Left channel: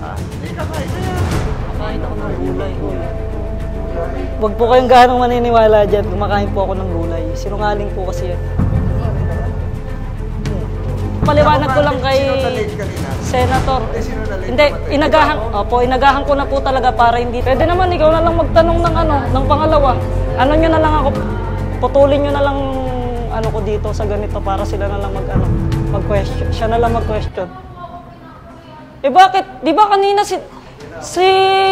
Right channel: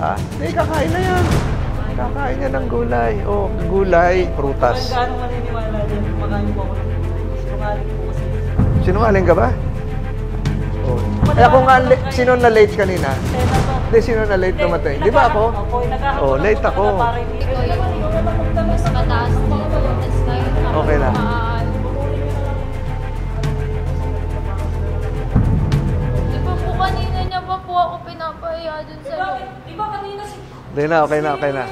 Ha? Hindi, kakain na yan. Kakain na ng gulay. Oh, gulay. Huwag po kayong ganong maniniwala dyan. Kumakain po ako ng gulay. Sinungaling po kasi yun. Sinungaling ka ba? Paliwanag ko lang kay... Sino na late kanina? Senator. Hindi, sino na late? Hindi, inagahan, opo, inagahan ko lang po talaga para hindi... Pwede naman, ikaw na lang magtanong ng ng pangalawa. Ano nyo na lang ako, putulin nyo na lang ano ko dito sa ganito para sila na lang mag-question. Siya na lang mag-question. Hindi pa po ako pinapahiya dun. Eh bakit? Di ba kanina si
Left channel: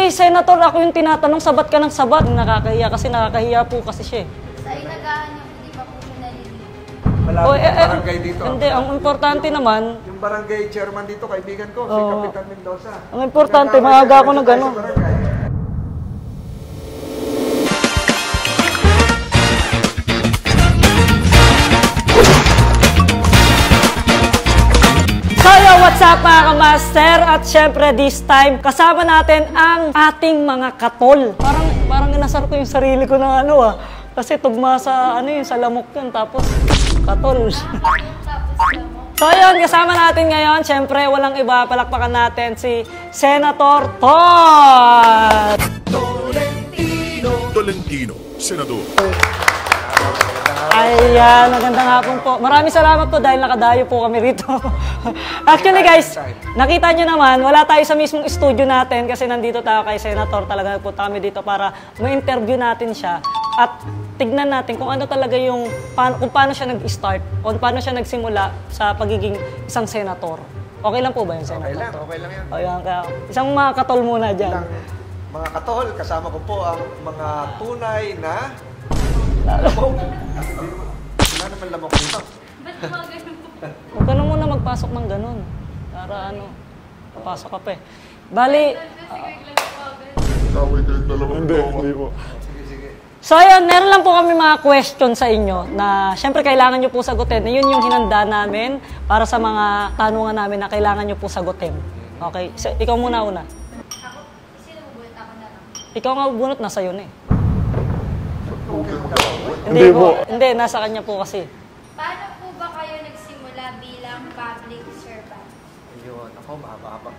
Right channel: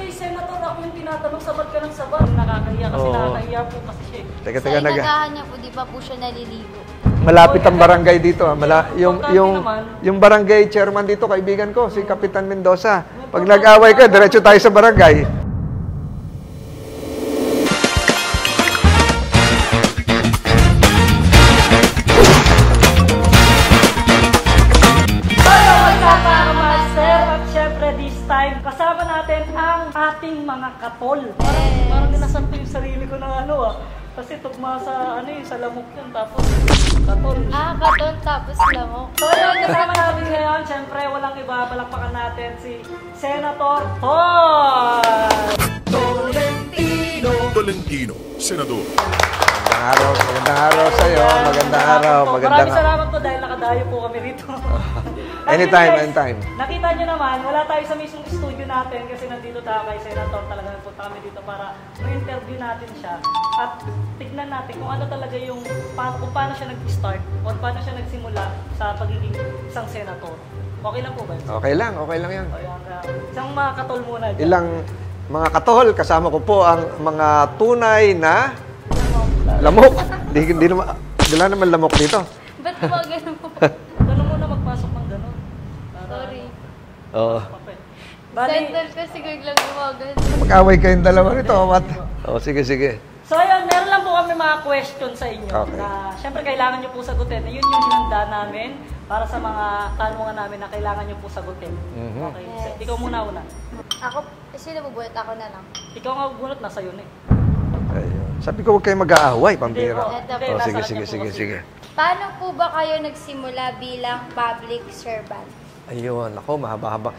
Senator ako yung tinatanong, sabat ka ng sabat. Nakakahiya kasi nakakahiya po kasi siya. Teka, Sa inagahan niya po, di pa po siya naliligo. Malapit ang barangay dito. Yung barangay chairman dito, kaibigan ko, si Kapitan Mendoza. Pag importante, nag-away ka, diretso tayo sa barangay. What's up mga master? At syempre this time, kasama natin ang ating mga katol. Parang inasar ko yung sarili ko ng kasi tugma sa sa lamok yun, tapos katol. Katol tapos lamok. So yun, kasama natin ngayon, syempre walang iba, palakpakan natin si Senator Todd! Tolentino, Senador. Ayan, magandang hapon po. Maraming salamat po dahil nakadayo po kami rito. Actually guys, nakita nyo naman, wala tayo sa mismong studio natin kasi nandito tayo kay Senator. Talaga nagpunta kami dito para ma-interview natin siya at tignan natin kung ano talaga kung paano siya nag-start, kung paano siya nagsimula sa pagiging isang senator. Okay lang po ba yun? Okay lang yan. Ayan, isang mga katol muna dyan. Ilang mga katol, kasama ko po ang mga tunay na lamok. Wala naman lamok dito. Ba't mga ganun po? Huwag ka na muna magpasok ng ganun. Para pasok ka pa eh. Bali... Kasi gaglang umagan. Mag-away kayong dalawa rito. Sige. So ayun, meron lang po kami mga question sa inyo na syempre kailangan nyo po sagutin. Yun yung hinanda namin para sa mga tanungan namin na kailangan nyo po sagutin. Okay, so, ikaw muna una. Ako, sino bubunot? Ako na lang. Ikaw nga bunot, nasa yun eh. Sabi ko huwag kayong mag-aaway. Hindi po. Hindi, nasa kanya po kasi. Sige. Paano po ba kayo nagsimula bilang public servant? Ayun, ako, mahaba-haba.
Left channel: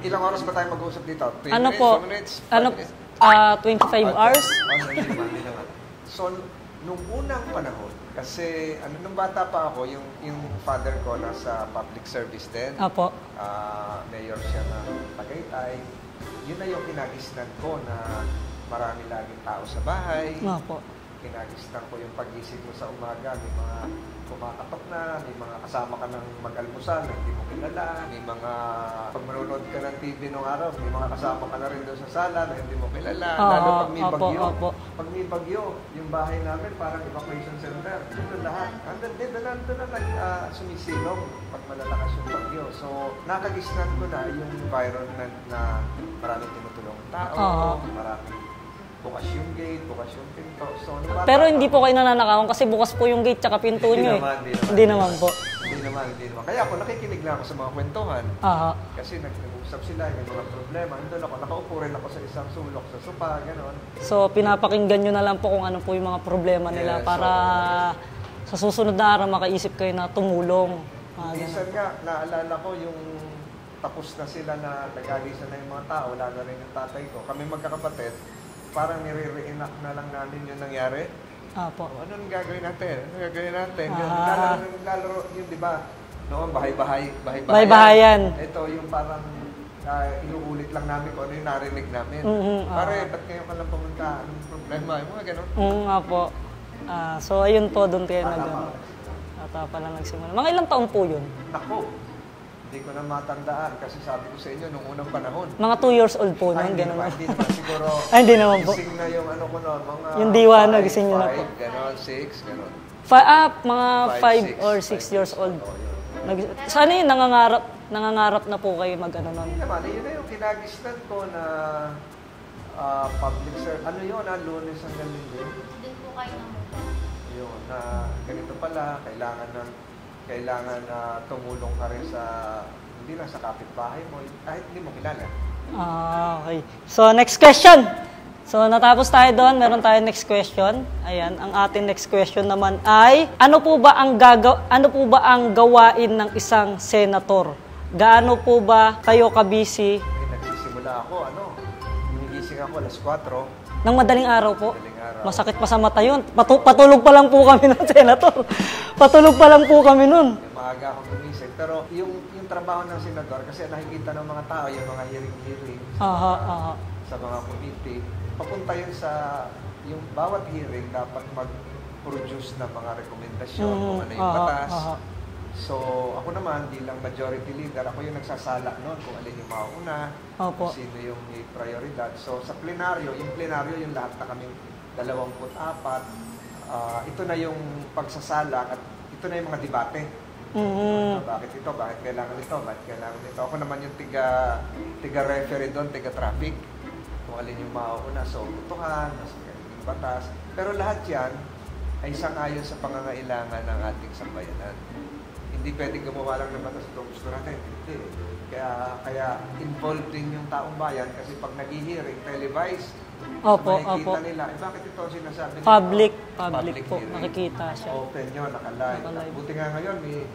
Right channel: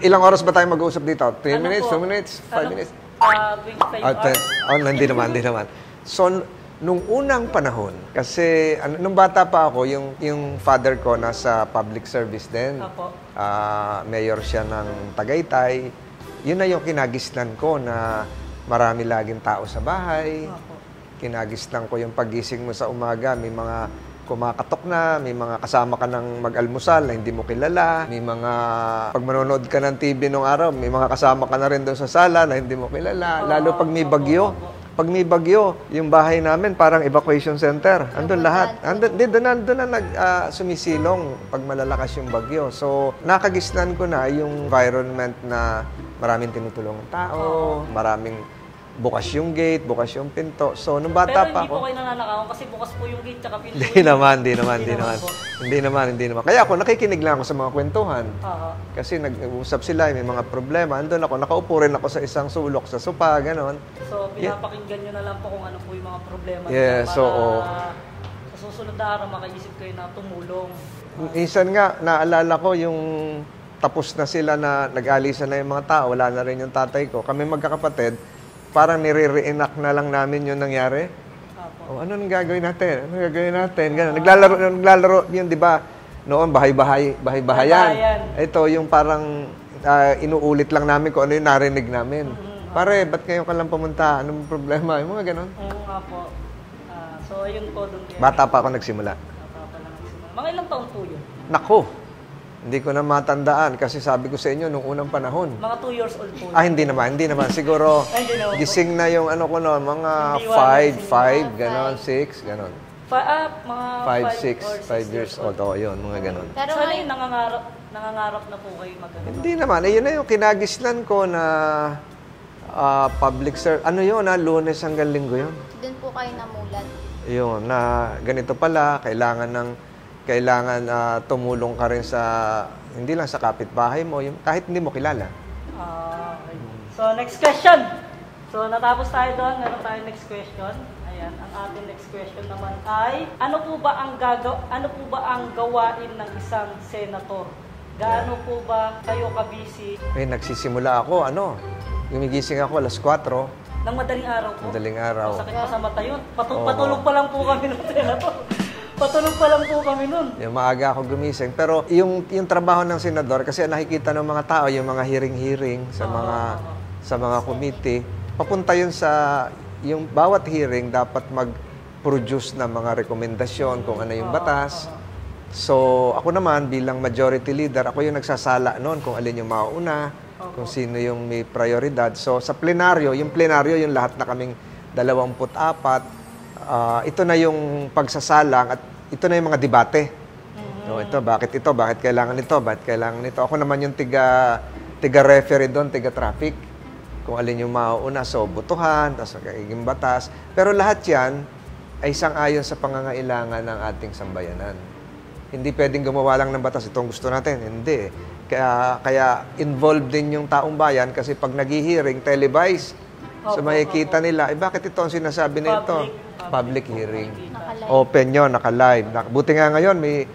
Ilang oras ba tayo mag-uusap dito? 3 minutes, 2 minutes, 5 minutes? 25 hours? Hindi naman. So, nung unang panahon, kasi nung bata pa ako, yung father ko nasa public service din. Apo. Mayor siya ng Tagaytay. Yun na yung kinagisnan ko na marami laging tao sa bahay. Apo. Kinagisnan ko yung pagising mo sa umaga, may mga kumakatok na, may mga kasama ka ng mag-almusal na hindi mo kilala, may mga pag manonood ka ng TV nung araw, may mga kasama ka na rin doon sa sala na hindi mo kilala. Lalo pag may bagyo. Pag may bagyo, yung bahay namin parang evacuation center. Andun lahat. Doon na sumisilong pag malalakas yung bagyo. So, nakagisnan ko na yung environment na maraming tinutulungang tao, maraming bukas yung gate, bukas yung pinto. So, nung bata Pero hindi po kayo nananakawan kasi bukas po yung gate tsaka pinto. Hindi naman po. Hindi naman. Kaya ako, nakikinig lang ako sa mga kwentuhan. Kasi nag-uusap sila, may mga problema. Andun ako, nakaupo rin ako sa isang sulok sa sopa, gano'n. So, pinapakinggan nyo na lang po kung ano po yung mga problema nila para sa susunod na araw makaisip kayo na tumulong. Minsan nga, naalala ko yung tapos na sila na nag-alisan na yung mga tao, wala na rin yung tatay ko. Kami magkakapatid, parang nire-reenact na lang namin yung nangyari. Apo. Ano nang gagawin natin? Naglalaro yun, di ba? Noon, bahay-bahayan. Ito, yung parang inuulit lang namin kung ano yung narinig namin. Pare, ba't kayo ka lang pumunta? Anong problema? Yung mga ganon. Apo. So, ayun po doon kayo. Bata pa ako nagsimula. Mga ilang taon po yun? Nako! Hindi ko na matandaan kasi sabi ko sa inyo nung unang panahon. Mga 2 years old po. Hindi naman. Siguro, hindi naman gising na yung ano ko no, mga 5, gano'n, 6, gano'n. Mga 5 or 6 years old. Oo, yun, mga gano'n. Sana yun, nangangarap na po kayo mag-ano. Hindi naman. Yun na yung kinagisnan ko na public service. Ano yun, Lunes hanggang Linggo yun? Doon po kayo namulat. Yun, na ganito pala, kailangan tumulong ka rin sa, hindi lang sa kapitbahay mo, kahit hindi mo kilala. Okay. So, next question. So, natapos tayo doon. Meron tayo next question. Ayan, ang ating next question naman ay, ano po ba ang gawain ng isang senator gaano po ba kayo ka-busy? Nagsisimula ako, gumigising ako alas 4. Nang madaling araw po? Madaling araw. Masakit pa sa mata yun. Patulog pa lang po kami nun, Senator. Patulog pa lang po kami nun. Yung maaga ako gumising. Pero yung trabaho ng senador, kasi nakikita ng mga tao, yung mga hearing-hearing sa mga committee, papunta yun sa, yung bawat hearing dapat mag-produce ng mga rekomendasyon kung ano yung batas. So, ako naman bilang majority leader, ako yung nagsasala noon kung alin yung mauna, kung sino yung may prioridad. So, sa plenaryo, yung lahat na kaming 24, ito na yung pagsasalang at ito na yung mga debate. So, bakit kailangan ito, bakit kailangan ito. Ako naman yung tiga-referee doon, tiga-traffic. Kung alin yung mauna, so butuhan, tapos kagiging batas. Pero lahat yan ay sang-ayon sa pangangailangan ng ating sambayanan. Hindi pwedeng gumawa lang ng batas, itong gusto natin. Hindi. Kaya involved din yung taong bayan kasi pag nag-hearing, televised. So makikita nila, bakit ito ang sinasabi nito? Public hearing. Open yun, naka-live. Buti nga ngayon, may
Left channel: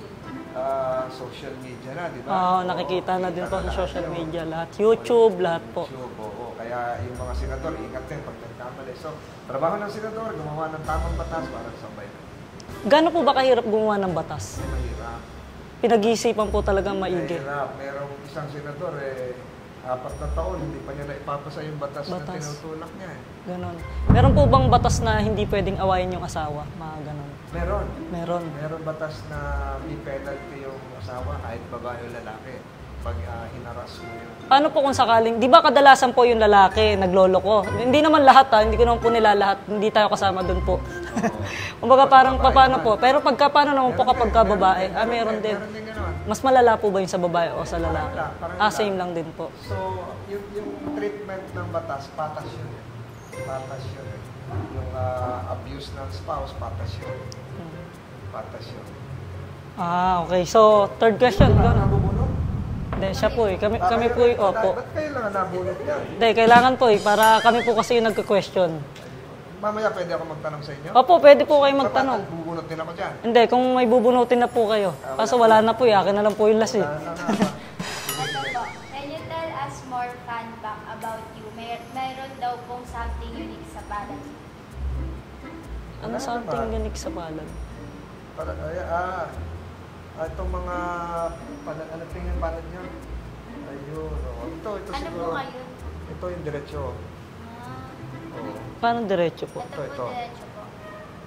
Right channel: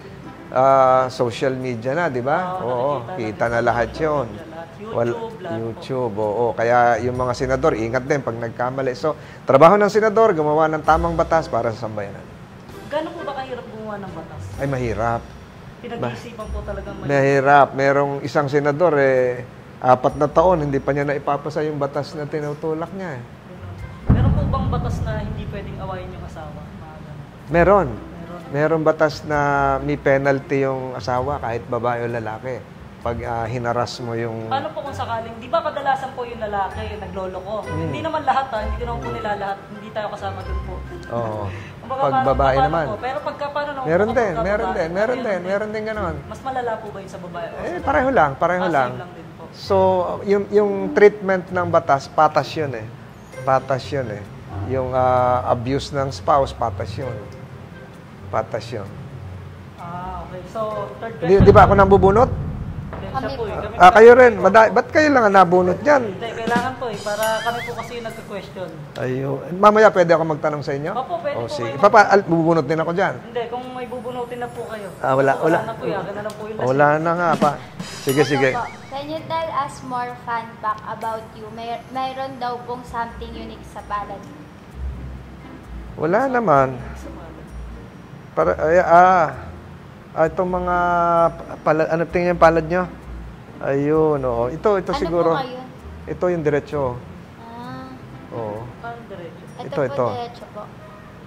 social media na, di ba? Nakikita na lahat yun. YouTube, lahat po. YouTube, Kaya yung mga senador, ingat din pag nagkamali. So, trabaho ng senador, gumawa ng tamang batas para sa sambayanan. Gano'n po ba kahirap gumawa ng batas? Ay, mahirap. Pinag-iisipan po talagang mahirap. Merong isang senador, 4 na taon, hindi pa niya naipapasa yung batas na tinutulak niya. Ganon. Meron po bang batas na hindi pwedeng awayin yung asawa? Mga ganon. Meron. Meron batas na may penalty yung asawa kahit babae o lalaki. Pag hinaras mo yung... Paano po kung sakaling, di ba kadalasan po yung lalaki nagloloko? Hindi naman lahat hindi ko naman po nila lahat, hindi tayo kasama dun po. Kumbaga parang paano po, pero paano naman po kapag babae? Meron din gano'n. Mas malala po ba yung sa babae o sa lalaki? Pareho lang. Same lang din po. So, yung treatment ng batas, patas yun eh. Yung abuse ng spouse, patas yun. Okay. So, third question. Di ba ako nang bubunot? Hindi, siya po eh. Kayo rin. Ba't kayo lang nabunot yan? Hindi, kailangan po eh. Para kami po kasi yung nagka-question. Ayun. Mamaya pwede ako magtanong sa inyo? Opo, pwede po kayo magtanong. Bubunot din ako dyan? Hindi, kung may bubunutin na po kayo. Wala na po eh. Akin na lang po yung lasing. Wala na nga pa. Sige. Can you tell us more fun fact about you? Mayroon daw pong something unique sa palad. Wala naman. Unique sa palad. Itong mga ano tingin yung palad nyo? Ayun, Ito siguro. Po kayo? Ito yung diretso. Paano diretso po? Ito. Diretso po.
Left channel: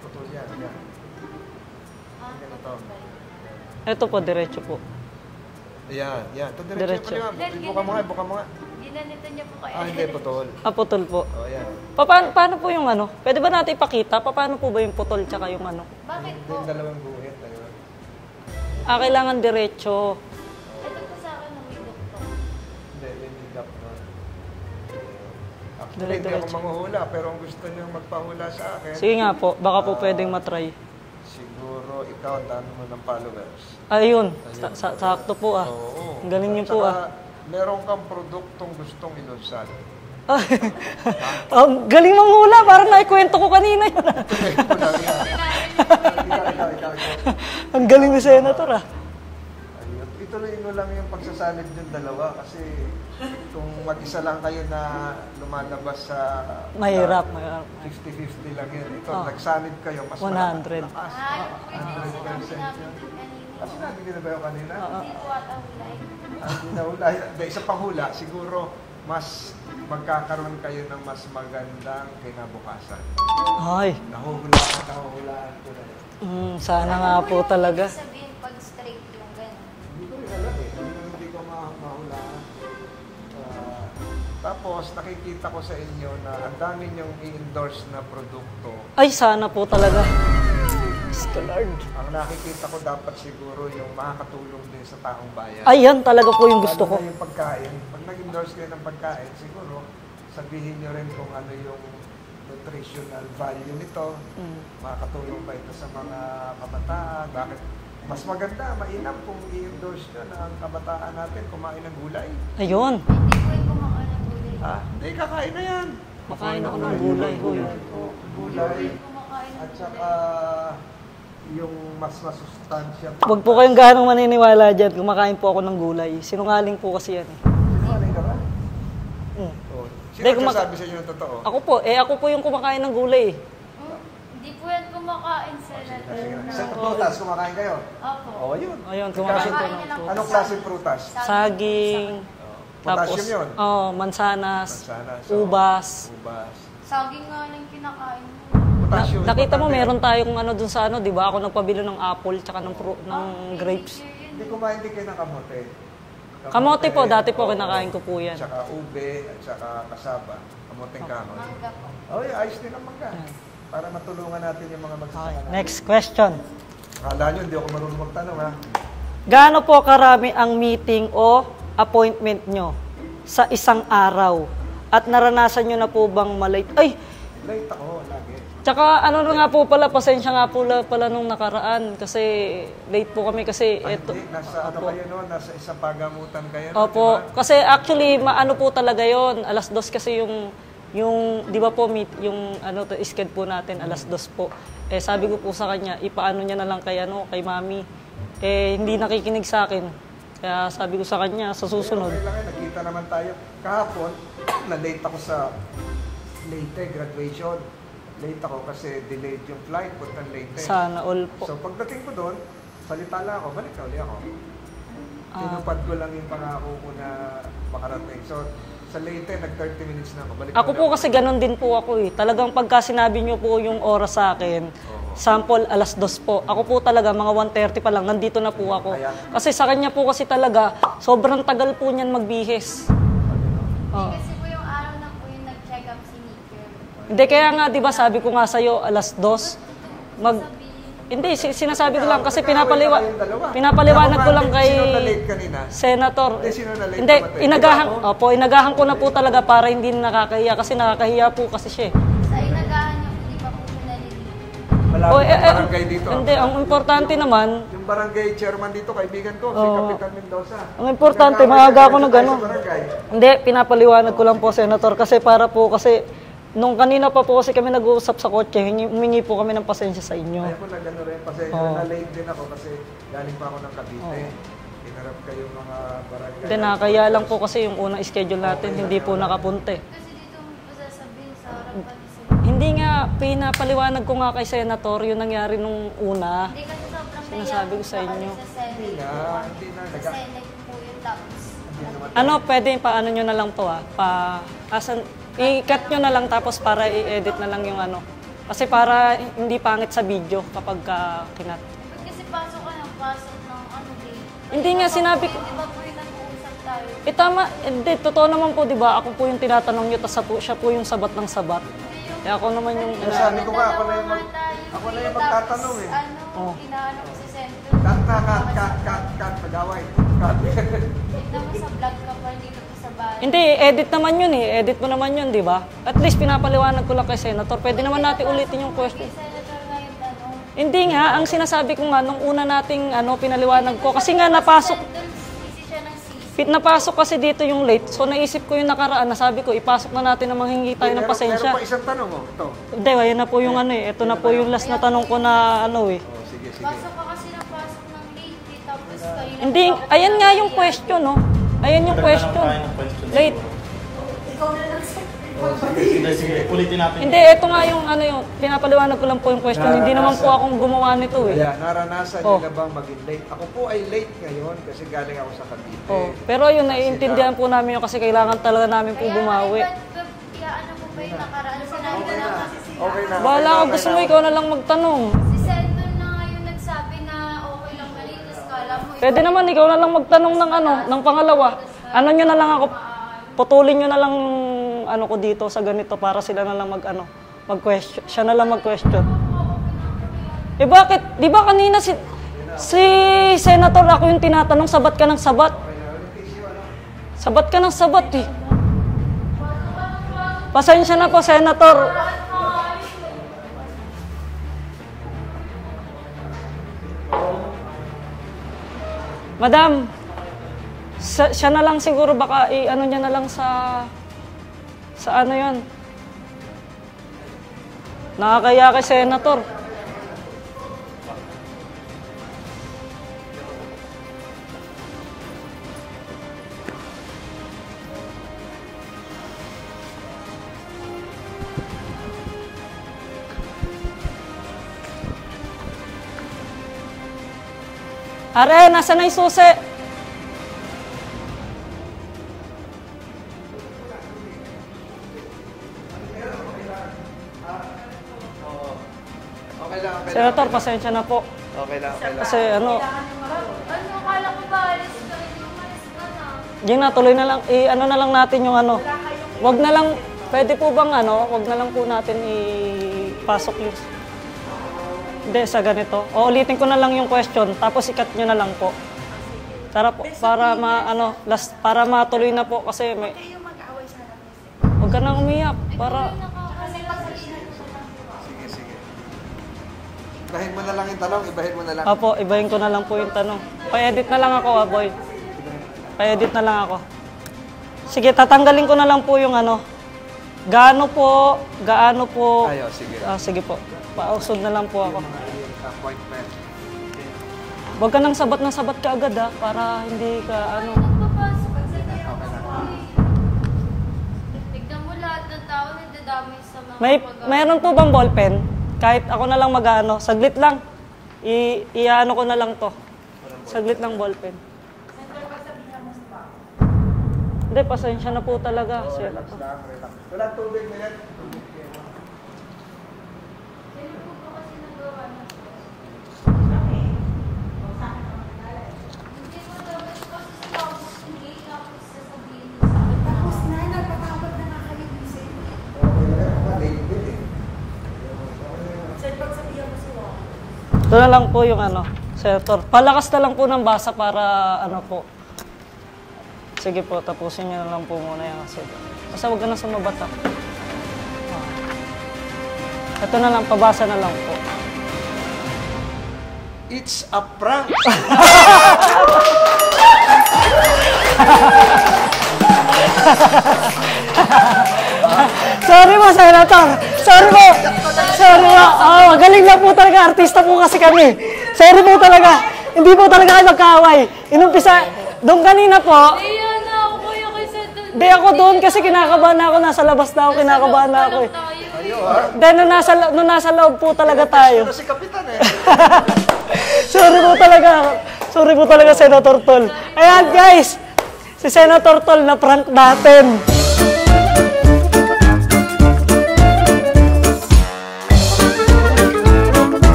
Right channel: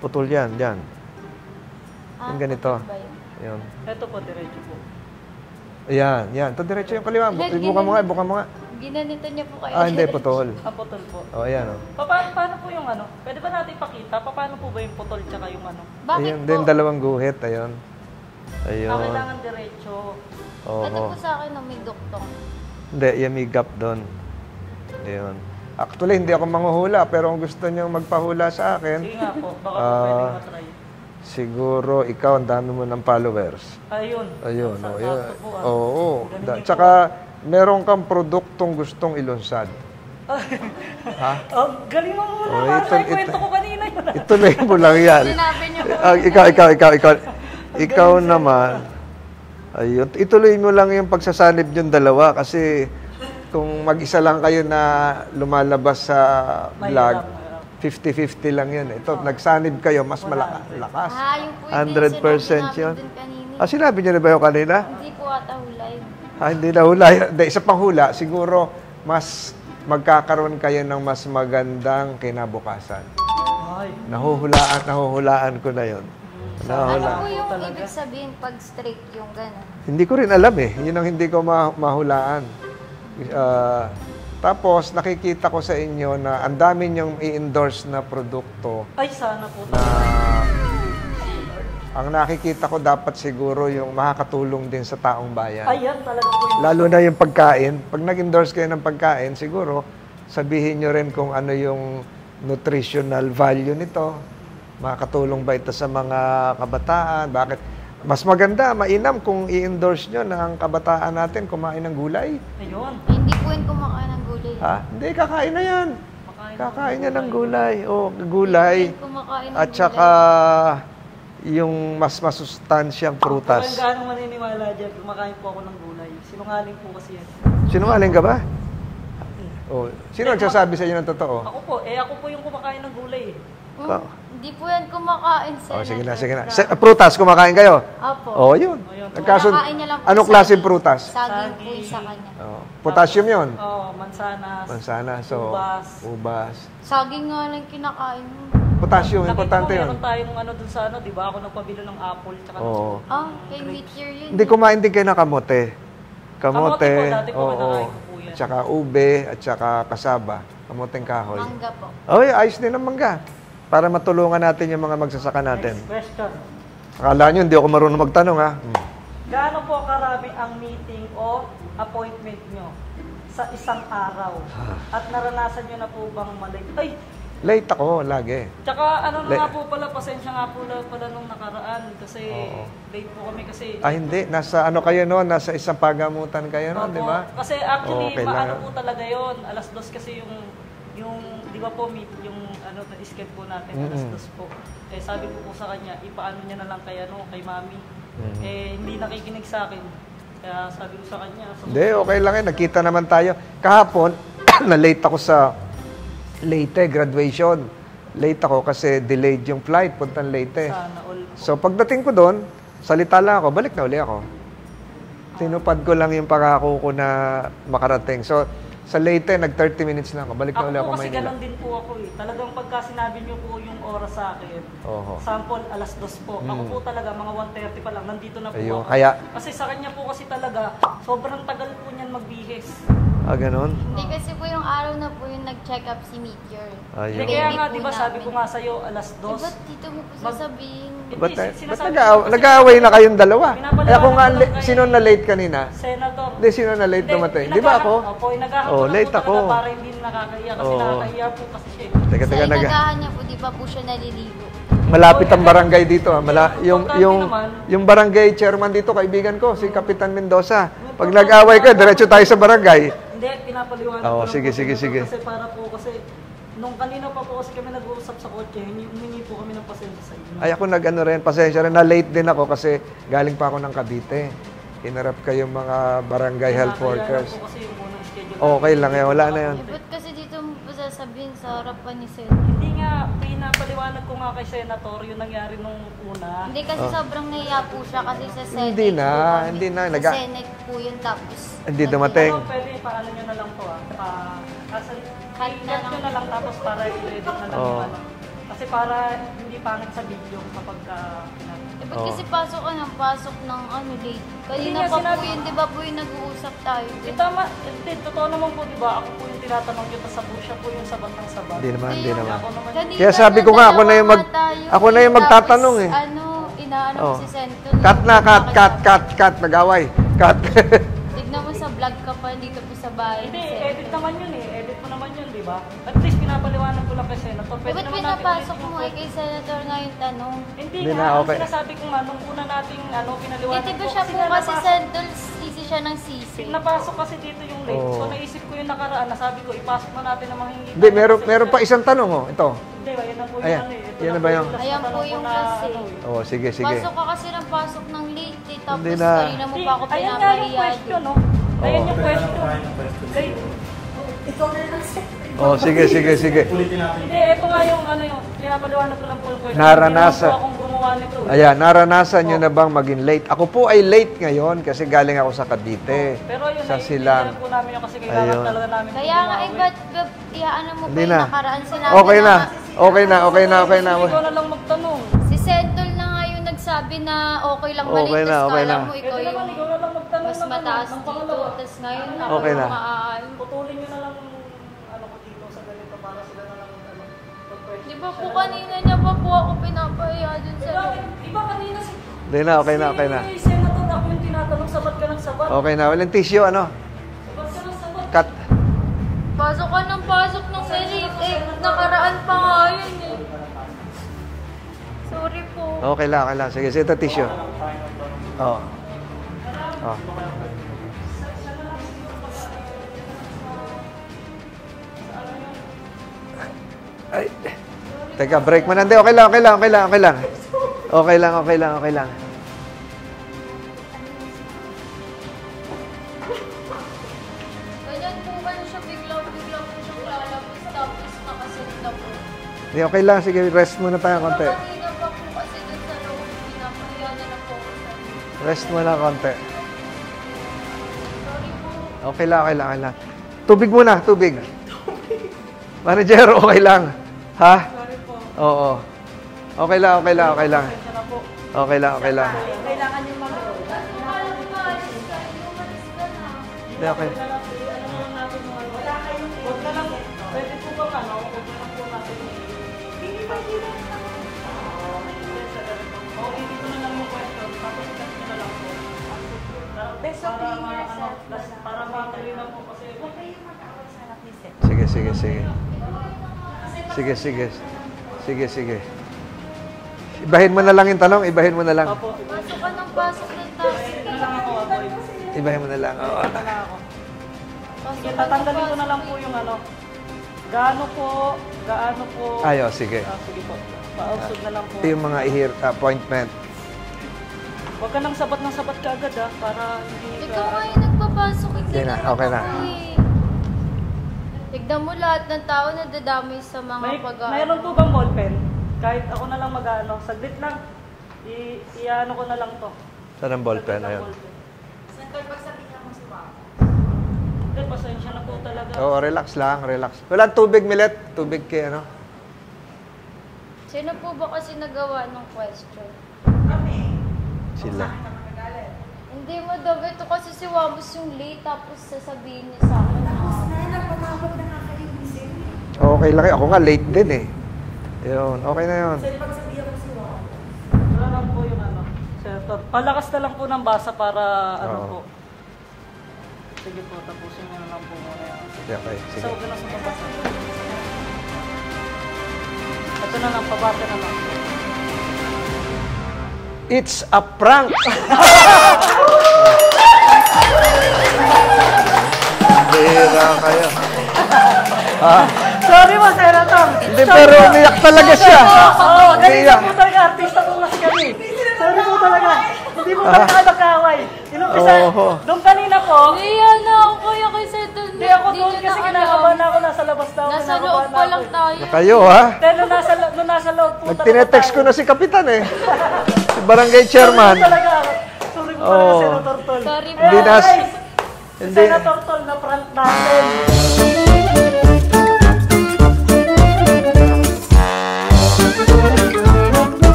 Putol yan. Yung ganito. Ayun. Ito po, diretso po. Yan. Ito diretso yung kaliwa. Buka mo nga. Ginanito niya po kayo. Hindi, putol. Putol po. Ayan. Paano po yung Pwede ba natin ipakita? Paano po ba yung putol tsaka yung Bakit Ayun, po? din dalawang guhit. Ayun. Kailangan diretso. Ito po sa akin may duktong. Hindi, yung may gap doon. Ayun. Actually, hindi ako manghuhula, pero kung gusto niyo magpahula sa akin, Sige nga po, baka po pwedeng matry. siguro ikaw, ang dami mo ng followers. Ayun. Ayun. Sakto po Oo. Ang galing niyo po. Tsaka, meron kang produktong gustong ilunsad. Ang galing mong hula, parang naikwento ko kanina yun. Ituloy mo lang yan. Ikaw naman. Ayun. Ituloy mo lang yung pagsasanib yung dalawa kasi kung mag-isa lang kayo na lumalabas sa vlog, 50-50 lang yun. Ito, nagsanib kayo, mas malakas. 100% yun. Sinabi niyo na ba yung kanina? Hindi po ata hulay. Hindi na hulay. Isa pang hula, siguro mas magkakaroon kayo ng mas magandang kinabukasan. Ay. Nahuhulaan ko na yon. Sana nga po talaga. Ibig sabihin pag straight yung gano'n. Hindi ko rin alam eh. Yun ang hindi ko mahulaan. Tapos, nakikita ko sa inyo na ang dami niyong i-endorse na produkto. Ay, sana po talaga. Ang nakikita ko dapat siguro yung makakatulong din sa taong bayan. Ayan talaga po yung gusto Lalo ko. na yung pagkain. Pag nag-endorse kayo ng pagkain, siguro sabihin nyo rin kung ano yung nutritional value nito. Makakatulong ba ito sa mga kabataan? Bakit? Mas maganda, mainam kung i-endorse nyo na ang kabataan natin kumain ng gulay. Ayun. Hindi po yun kumakain ng gulay. Hindi, kakain na yan. Kakain Kakain yan ng gulay. Gulay. Kumakain ng At saka yung mas masustansyang Huwag po prutas. kayong ganong maniniwala dyan. Kumakain po ako ng gulay. Sinungaling po kasi yan. Sinungaling ka ba? Hmm. Oh. Sino Hindi, nagsasabi sa inyo ng totoo? Ako po yung kumakain ng gulay. Hindi po yan kumakain, Oh, Senator. sige na, sige na. Prutas, kumakain kayo? Opo. Oh, yun. Ayun, Kumakain niya lang po Anong sa- klaseng prutas? Saging po sa Saging. kanya. Oh, potassium Tapos, yun. Mansanas. Mansana. Ubas. Ubas. Saging nga lang kinakain mo. Potassium, Nakita mo, importante yun. meron tayong ano dun sa ano, di ba? Ako nagpabili ng apple tsaka ng, Oo. ng Kay grapes. teacher yun. Hindi, kumain din kayo ng kamote. Kamote po, dati po oo. kinakain ko po yan. Tsaka ube at tsaka kasaba. Kamoteng kahoy. Mangga po. Oy, ayos din ang mangga. Para matulungan natin yung mga magsasaka natin. Next question. Akala nyo, hindi ako marunong magtanong, ha? Gaano po karami ang meeting o appointment nyo sa isang araw? At naranasan nyo na po bang malate? Ay, Late ako, lagi. tsaka ano na nga po pala, pasensya nga po pala nung nakaraan kasi late po kami kasi Ay, hindi. Nasa ano kayo noon? Nasa isang pagamutan kayo noon, di Opo, ba? kasi actually Okay maano lang. po talaga 'yon. Alas 2 kasi yung di ba po meet yung ano schedule po natin alas 2 po. Eh sabi ko po sa kanya, ipaano niya na lang kay kay Mami. Eh hindi nakikinig sa akin. Kaya sabi ko sa kanya, sa Hindi, susunod. okay lang yan. Nakita naman tayo. Kahapon, na-late ako sa Leyte graduation. Late ako kasi delayed yung flight puntang Leyte. Sana all po. So pagdating ko doon, salita lang ako, balik na uli ako. Tinupad ko lang yung pangako ko na makarating. So sa Leyte, nag 30 minutes lang ako. Balik na Ako uli po ako. kasi ganun din po ako eh. Talagang pagka sinabi niyo po yung oras sa akin, sample alas 2 po. Ako po talaga mga 1:30 pa lang, nandito na po Ayun, ako. kaya- Kasi sa kanya po kasi talaga, sobrang tagal po niyan magbihis. Ah, ganun? Hindi kasi po yung araw na po yung nag-check up si Meteor. Ay, Hindi, kaya nga, di ba, sabi ko nga sa'yo, alas 2. Ba't dito mo po Mag- sasabihin? Hindi, Ba't- sinasabi ba't ko lang kasi nag-aaway na kayong dalawa. Pinapaliwanag Eh, ako nga ko lang late. kay... Sino na late kanina? Senator. Hindi, sino na late Hindi, dumating? inagahan, Di ba ako? opo, inagahan ko Oh, na po late talaga ako. para hindi nakakahiya kasi Oo. nakakahiya po kasi siya. Teka, Sa teka, inagahan niya po, di ba po siya naliligo? Malapit Oh, ang barangay dito. hindi, ang importante naman- yung barangay chairman dito, kaibigan ko, si Kapitan Mendoza. Ang Pag importante, nag-away ka, maaga diretso ako tayo na sa barangay. Hindi, pinapaliwanag ko Oo, lang sige, po, sige, Senator, sige. kasi para po kasi nung kanina pa po kasi kami nag-uusap sa kotse, humingi po kami ng pasensya sa inyo. Ay, ako nag-ano rin, pasensya rin, na late din ako kasi galing pa ako ng Cavite. Hinarap kayong mga barangay health Kaya lang workers. po kasi yung unang schedule natin, Okay lang hindi yan, po wala na yan. nakapunta. Ba't kasi dito mo po sasabihin sa harapan ni Sir? Hindi nga, pinapaliwanag ko nga kay Senator yung nangyari nung una. Hindi kasi sobrang naiyak po siya kasi sa Senate. Hindi na, po kami. hindi na. Sa Senate po yun tapos. Hindi dumating. Ano, pwede paano nyo na lang to i-cut nyo na lang tapos para i-edit na lang yung ano. Kasi para hindi pangit sa video kapag kinat. Eh, ba't kasi pasok ka ng pasok ng ano late? Hindi Kanina nga pa sinabi- po yun, di ba po yung nag-uusap tayo? Eh tama, hindi, totoo naman po, di ba? Ako po yung tinatanong nyo, tapos siya po yung sabat ng sabat. Hindi naman, hindi Eh, naman. ako naman yung... Kanina Kaya sabi ko nga, ako na yung ako na yung magtatanong eh. Ano, inaano Oh. si Sento. Cut na, cut, nag-away. Cut. Tignan mo sa vlog ka pa dito po sa bahay. Hindi, edit naman yun eh. Edit mo naman yun, di ba? At least pinapaliwanag ko lang kay Senator. Pwede Ba't naman natin pinapasok ulitin yung mo question. kay Senator na yung tanong? Hindi Hindi nga, na, ang okay. sinasabi ko nga, nung una nating pinaliwanag Hindi ko. ko siya Kasi nga bukas napasok, Si Sentol, sisi siya ng sisi. napasok kasi dito yung late. So naisip ko yung nakaraan, nasabi ko, ipasok na natin na manghingi Hindi, tayo ng meron pasensya. pa isang tanong, oh. Ito. Hindi, ayun na po yung Ayan. ano eh. Ito Yan na na po ba yung yung- last na Ayan tanong po ko yung na last. ano eh. Oh, sige. Pasok ka kasi ng pasok ng late eh. Tapos Hindi na. kanina Hindi, pa ako ayan nga yung pinapahiya. question, no? Ayan yung question. Late. Oh, sige. Ulitin natin. Hindi, ito nga yung ano yung, pinapaliwanag ko lang po yung question. Hindi naman po Naranasan. akong gumawa nito eh. Ayan, naranasan nyo na bang maging late? Ako po ay late ngayon kasi galing ako sa Cavite. Pero yun, Sa naiintindihan Silang. po namin yun kasi kailangan Ayun. talaga namin po Kaya nga, bumawi. ba't iaano mo Hindi pa na. yung nakaraan? Sinabi Okay na. Okay na. Wala, Okay gusto mo na. ikaw na lang magtanong. Si Sentol na nga yung nagsabi na okay lang maliit. Okay na, tas okay kala na. mo ikaw Pwede yung- naman, ikaw na lang magtanong ng ano, ng pangalawa. Tas ngayon, Ano nyo na lang Okay ako, na. putulin nyo na lang ano ko dito sa ganito para sila na lang mag-question. Siya na lang mag-question. Kanina pa po ako pinapahiya dun Eh sa- bakit? Di ba kanina si... Hindi na, okay si na, okay Senator ako yung tinatanong, sabat ka ng sabat. Okay na. Walang tissue, ano? Sabat ka ng sabat. Cut. Pasok ka ng pasok. Pasensya na po, Senator. Nakaraan pa nga yun eh. Sorry po. Okay lang. Sige, ito tissue. Oh. Madam, Oh. siya na lang siguro baka i-ano niya na lang sa ano yon. Ay. Teka, Nakakaya break mo ka, na. Hindi, okay Senator. lang. Okay lang, okay lang, okay lang. Ganyan po kayo siya, biglang po siya lalabas, tapos nakasunta po. Hindi, okay lang. Sige, rest muna tayo konti. Kanina pa po kasi dun sa loob, pinapahiya na lang po ako sa Are, Rest nasa muna na yung konti. susi? Okay lang, okay lang, okay lang. Tubig muna, tubig. Manager, okay lang. Ha? Oo. Okay lang, okay lang, Senator, okay lang. pasensya na po. Okay lang, okay lang. Kasi ano, Ano, kala ko ba alis ka? Ito, umalis ka na. yun na, tuloy na lang, ano na lang natin yung ano. Wag na lang, pwede po bang ano, wag na lang po natin ipasok yung... Hindi, sa ganito. O, ulitin ko na lang yung question, tapos ikat nyo na lang po. Tara po, para para matuloy na po kasi may... Sige, Huwag ka sige, nang sige. umiyak, para... Sige, sige. Sige, sige. Ibahin mo na lang yung tanong, ibahin mo na lang. Opo, ibahin ko na lang po yung tanong. Pa-edit na lang ako, boy. Ibahin mo na lang. Pa-edit na lang ako. Sige, tatanggalin ko na lang po yung ano. Gaano po... Ayo, sige. Sige po. Mausod na lang po Ito ako. yung mga appointment. Huwag ka nang sabat ng sabat ka agad para hindi ka Ito ano. kayo nagpapasok. Okay na, okay na. Tignan mo lahat ng tao na dadamay sa mga Meron po bang ballpen? Kahit ako na lang mag-ano, saglit lang. I-ano ko na lang to. Saan ang ballpen? Saglit lang Ayun. ballpen. Hindi, pasensya na po talaga. Oo, relax lang, relax. Wala tubig, Milet. Tubig kay ano. Sino po ba kasi nagawa ng question? Sila. Hindi mo daw. Ito kasi si Wabus yung late tapos sasabihin niya sa akin. Tapos na, nagpatawag na nga kayo, Vincent. Okay lang. Ako nga, late din eh. Yun, okay na yun. Sir, pagsabihan mo si Juan. Ito na lang po yung ano, Senator. Palakas na lang po ng basa para ano po. Sige po, tapusin niyo na lang po muna yung asin. Okay. Basta huwag ka na sumabat ha. Ito na lang, pabasa na lang po. It's a prank! Sorry mo, Senator! Sorry pero po! umiyak talaga siya. Sorry po! Oo, galing lang po talaga. Artista po kasi kami. Sorry po talaga. Hindi po talaga kayo magkaaway. Inumpisa, doon kanina po, Iya na ako kuya kasi doon. hindi ako doon kasi kinakabahan na ako. Nasa labas na ako, kinakabahan na ako. eh. Kayo, ha? Dahil nung nasa loob po talaga Tinetext ko tayo. na si Kapitan eh. Si Barangay Sorry po Chairman. talaga. Sorry po talaga, Senator Tol. Ayan, Hindi na- guys. Si Senator Tol na prank natin.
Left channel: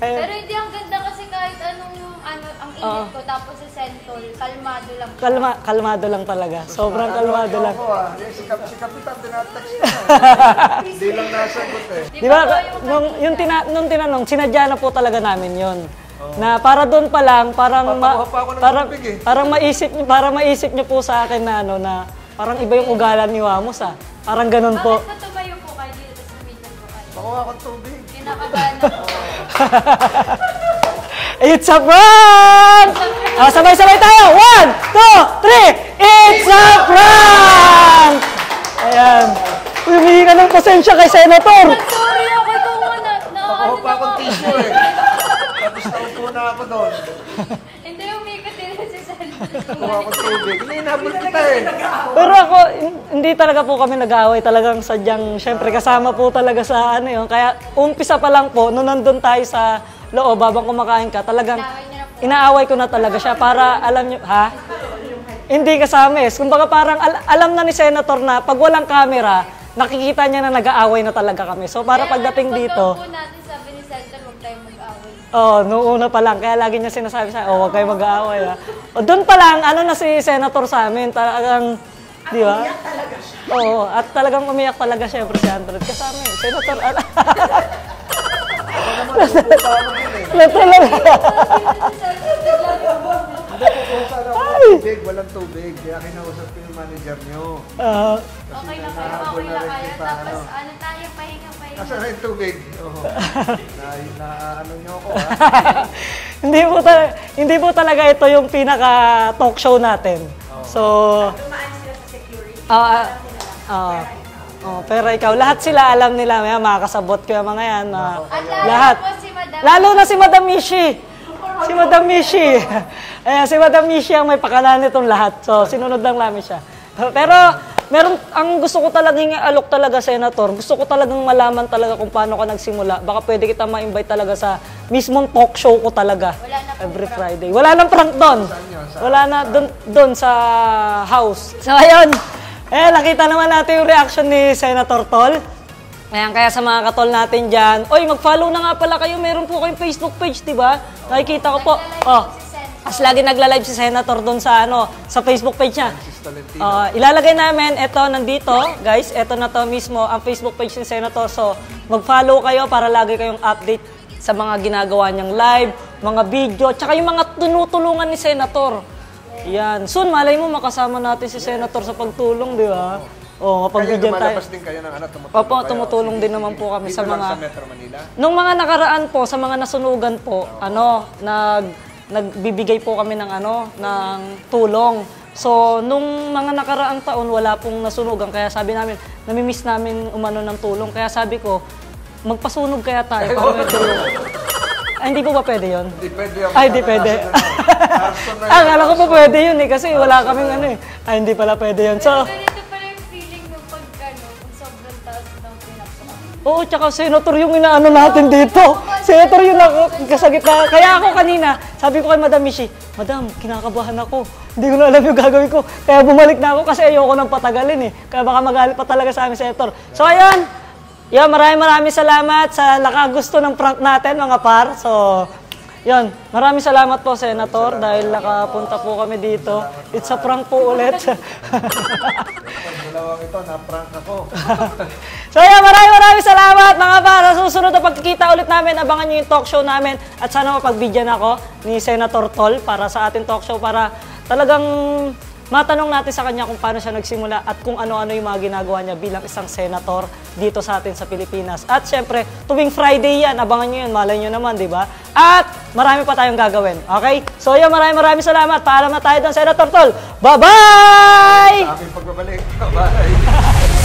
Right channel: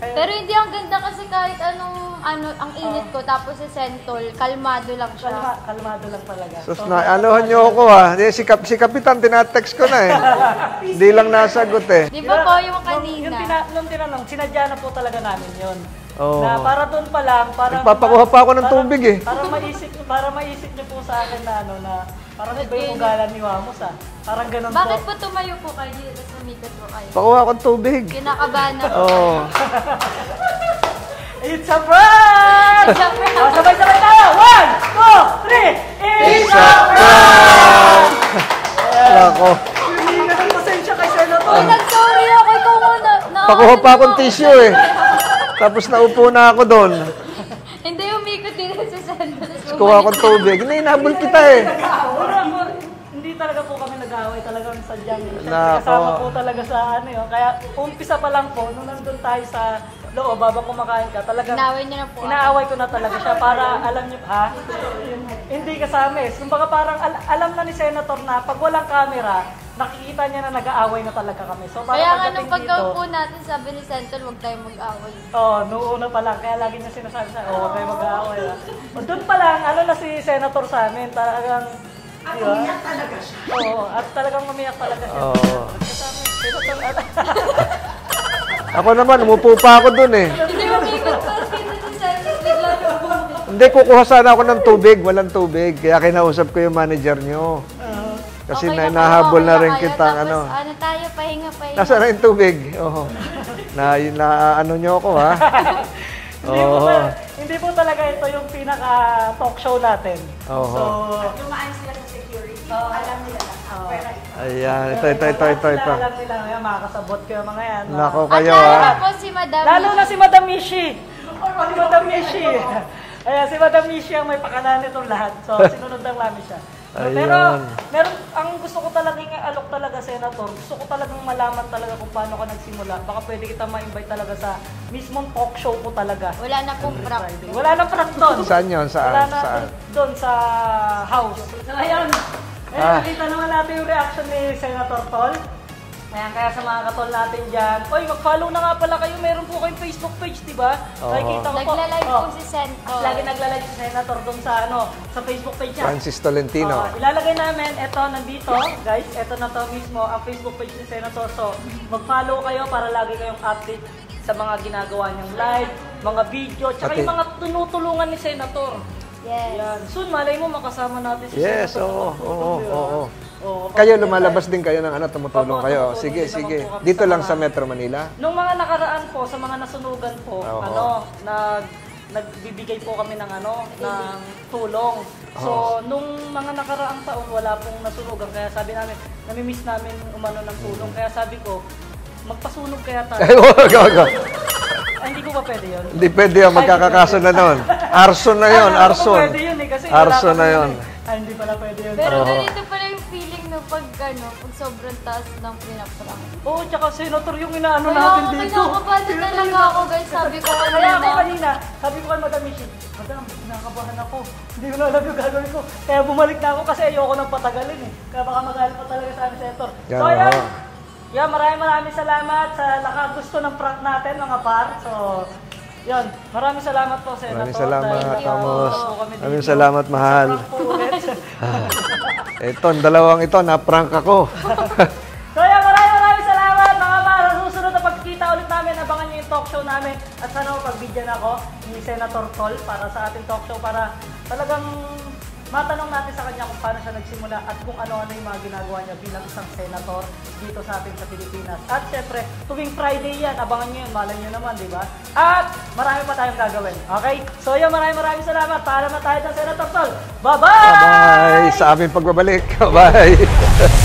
Pero hindi ang ganda kasi kahit anong ang init ko tapos si Sentol, kalmado lang siya. Kalmado lang talaga. Tapos na, anuhan niyo ako ha. Si Kapitan, tinatext ko na eh. Hindi lang nasagot eh. Di Di ba ba, po yung kanina? nung tinanong, sinadya na po talaga namin yon. Oo. Na para doon pa lang, parang... Nagpapakuha pa ako ng tubig eh. Para maisip niyo po sa akin na ano, na parang iba yung ugalan ni Wamos ah. Parang ganun po. Bakit po tumayo po kayo? Tapos lumikot po kayo. Pakuha akong tubig. Kinakabahan na. Oo. It's a prank! Sabay-sabay tayo! 1, 2, 3! It's a prank! Ayan. Ako. Humingi ka ng pasensya kay Senator. Sorry ako ikaw na. Pakuha pa akong tissue eh. Tapos naupo na ako doon. Hindi umikot din si Sentol. Kuha akong tubig. Hindi, nabol kita eh. Pero ako, hindi talaga po kami nag-aaway. Talagang sadyang, syempre kasama po talaga sa ano yun. Kaya umpisa pa lang po, nung nandun tayo sa loob, habang kumakain ka, talagang Inaaway niyo na po. inaaway ko na talaga siya para alam niyo, ha? Hindi kasama eh. Kumbaga parang alam na ni Senator na pag walang camera, nakikita niya na nag-aaway na talaga kami. So para Kaya pagdating nga, dito, pagka po natin sabi ni Sentol, huwag tayong mag-away. noong una pa lang, kaya lagi niya sinasabi sa huwag kayo mag-aaway. Ha? O doon pa lang, ano na si Senator sa amin, talagang, di ba? Oo, at talagang umiyak talaga siya. Kasama yun, Senator, Ako naman, umupo pa ako doon eh. letra lang. Hindi, kukuha sana ako ng tubig. Walang tubig. Kaya kinausap ko yung manager nyo. Kasi Okay na po, nahabol okay na rin kayo. kita. Tapos, Ano. ano tayo, pahinga. Nasaan na yung tubig? Oo. Na ano nyo ako ha? Hindi po talaga ito yung pinaka talk show natin. Oo. So, Tumaan sila sa security. Ayan. Pero ikaw, lahat sila alam nila. May makakasabot ko yung mga yan. Nako At kayo. Lahat. po si Madam. Lalo na si Madam Mishi. Si Madam Mishi. Ayan, si Madam Mishi ang may pakala nitong lahat. So, sinunod lang namin siya. Pero, ang gusto ko talagang alok talaga, Senator, gusto ko talagang malaman talaga kung paano ka nagsimula. Baka pwede kita ma-invite talaga sa mismong talk show ko talaga. Wala na pong Every prank. Friday. Wala nang prank doon. Saan yun? Saan? Wala na doon sa house. So, ayun. Nakita naman natin yung reaction ni Senator Tol. Ayan, kaya sa mga katol natin dyan, oy, mag-follow na nga pala kayo. Meron po kayong Facebook page, di ba? Nakikita ko po. Nagla-live po si Senator. As lagi nagla-live si Senator doon sa, sa Facebook page niya. Francis Tolentino. Ilalagay namin, ito, nandito. Guys, ito na to mismo, ang Facebook page ni Senator. So, mag-follow kayo para lagi kayong update sa mga ginagawa niyang live, mga video, tsaka yung mga tinutulungan ni Senator. Yan. Soon, malay mo, makasama natin si Senator sa pagtulong, di ba? Kayo lumalabas din kayo ng tumutulong Opo, kayo. tumutulong Sige, din naman sige. po kami Dito sa lang mga- sa Metro Manila? Nung mga nakaraan po, sa mga nasunugan po, nagbibigay po kami ng ng tulong. So, nung mga nakaraang taon, wala pong nasunugan. Kaya sabi namin, namimiss namin umano ng tulong. Kaya sabi ko, magpasunog kaya tayo. Ay, hindi po ba pwede yun? Hindi pwede yung Ay, di magkakakaso pwede. na nun. Arson na yun, Alam ko arson. po pwede yun kasi wala Arson kami na yun. Ay, hindi pala pwede yun. So, Pero ganito pala yung feeling nung pag sobrang taas ng pinaprank. oo, tsaka senator yung inaano natin dito. Senator yung ako, kasagit na. Kaya ako kanina, sabi ko kay Madam Mishi, Madam, kinakabahan ako. Hindi ko na alam yung gagawin ko. Kaya bumalik na ako kasi ayoko nang patagalin eh. Kaya baka magalit pa talaga sa amin, Senator. So, ayun. Yeah, maraming salamat sa nakagusto ng prank natin, mga par. So, yun. Maraming salamat po, Senator, Maraming salamat, dahil nakapunta Amos. po kami dito. Maraming salamat, It's a mahal. prank po ulit. Ito, ang dalawang ito, na-prank ako. So yeah, maraming salamat mga para sa susunod na pagkikita ulit namin. Abangan nyo yung talk show namin at sana mapagbigyan ako ni Senator Tol para sa ating talk show para talagang matanong natin sa kanya kung paano siya nagsimula at kung ano-ano yung mga ginagawa niya bilang isang senator dito sa atin sa Pilipinas. At syempre, tuwing Friday yan, abangan nyo yun, malay nyo naman, di ba? At marami pa tayong gagawin. Okay? So yeah, maraming salamat. Paalam na tayo doon, Senator Tol. Bye-bye! Sa aming pagbabalik. Bye!